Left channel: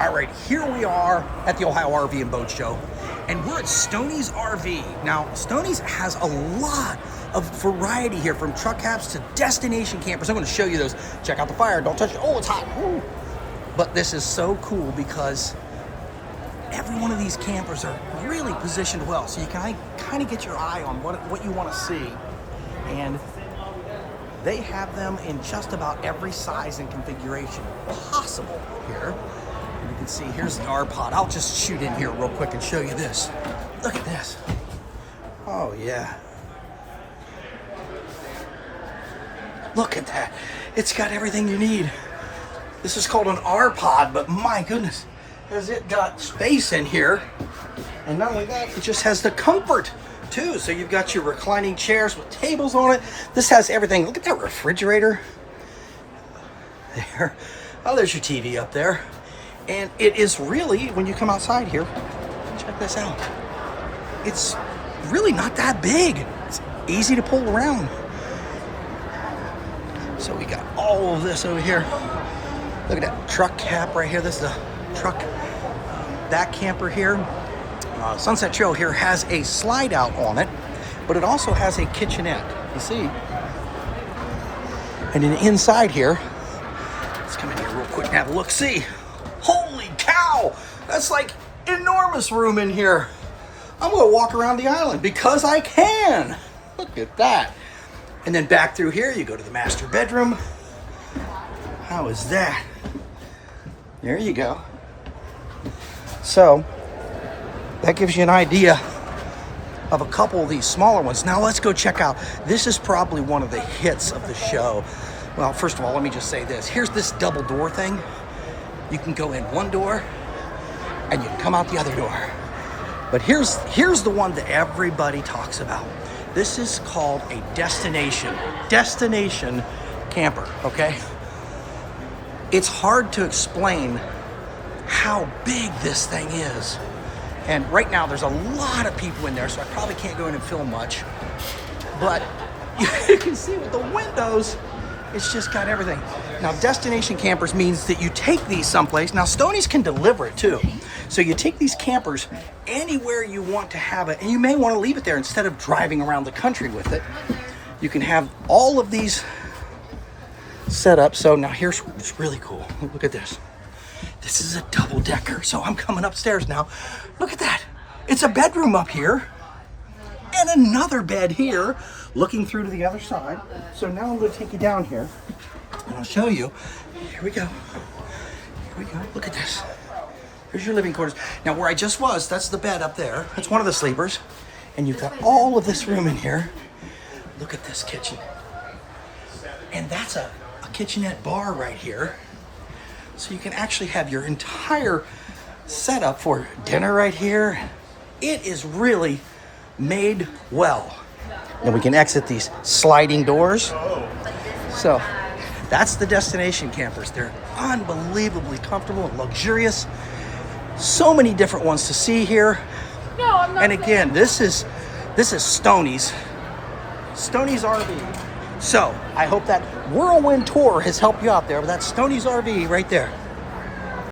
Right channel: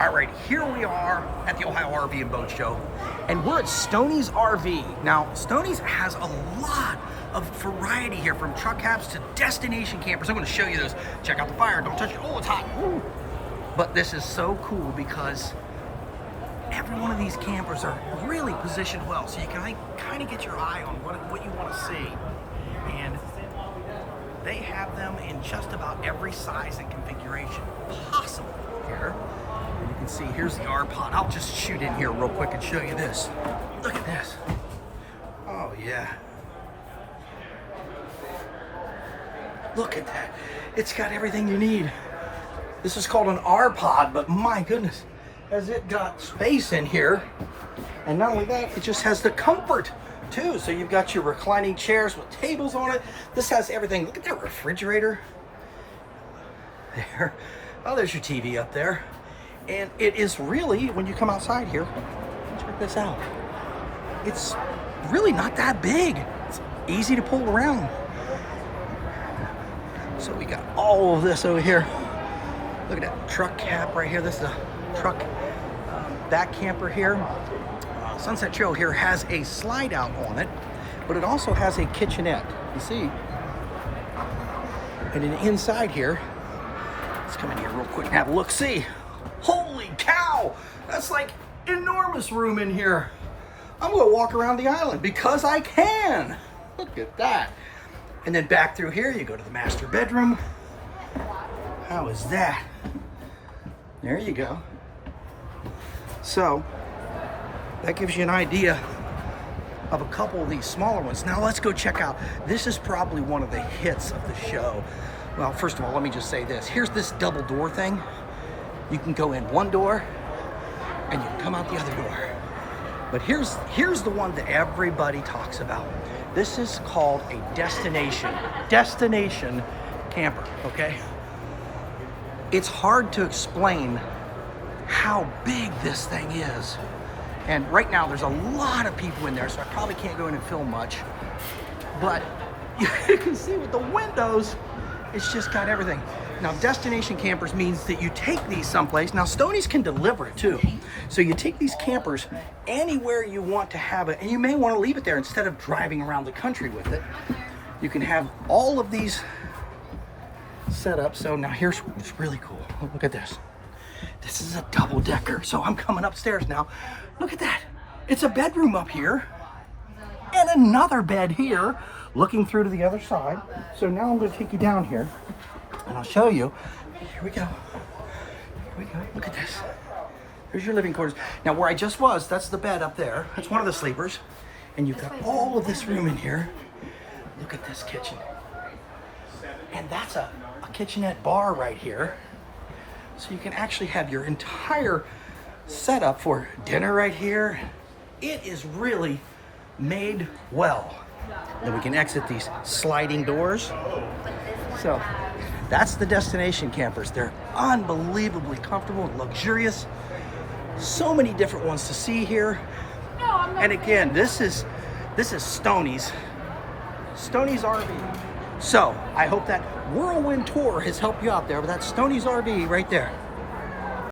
All right, here we are at the Ohio RV and Boat Show, and we're at Stoney's RV. Now, Stoney's has a lot of variety here, from truck cabs to destination campers. I'm going to show you those. Check out the fire. Don't touch it. Oh, it's hot. Woo. But this is so cool because every one of these campers are really positioned well, so you can kind of get your eye on what you want to see. And they have them in just about every size and configuration possible here. And you can see, here's the R pod. I'll just shoot in here real quick and show you this. Look at this. Oh yeah. Look at that. It's got everything you need. This is called an R pod, but my goodness, has it got space in here. And not only that, it just has the comfort too. So you've got your reclining chairs with tables on it. This has everything. Look at that refrigerator. There. Oh, there's your TV up there. And it is really, when you come outside here, check this out. It's really not that big. It's easy to pull around. So we got all of this over here. Look at that truck cap right here. This is the truck, that camper here. Sunset Trail here has a slide out on it, but it also has a kitchenette, you see. And then inside here, let's come in here real quick and have a look. See, holy cow, that's like enormous room in here. I'm gonna walk around the island because I can. Look at that. And then back through here, you go to the master bedroom. How is that? There you go. So that gives you an idea of a couple of these smaller ones. Now let's go check out. This is probably one of the hits of the show. Well, first of all, let me just say this. Here's this double door thing. You can go in one door and you can come out the other door. But here's the one that everybody talks about. This is called a destination camper, okay? It's hard to explain how big this thing is. And right now there's a lot of people in there, so I probably can't go in and film much. But you can see with the windows, it's just got everything. Now, destination campers means that you take these someplace. Now, Stoney's can deliver it too. So you take these campers anywhere you want to have it, and you may want to leave it there instead of driving around the country with it. You can have all of these set up. So now here's what's really cool. Look at this. This is a double decker. So I'm coming upstairs now. Look at that. It's a bedroom up here and another bed here looking through to the other side. So now I'm going to take you down here and I'll show you. Here we go. Here we go. Look at this. There's your living quarters. Now where I just was, that's the bed up there. That's one of the sleepers. And you've got all of this room in here. Look at this kitchen. And that's a kitchenette bar right here. So you can actually have your entire setup for dinner right here. It is really made well. Then we can exit these sliding doors. So that's the destination campers. They're unbelievably comfortable and luxurious. So many different ones to see here. And again, this is Stoney's RV. So I hope that whirlwind tour has helped you out there. But that's Stoney's RV right there.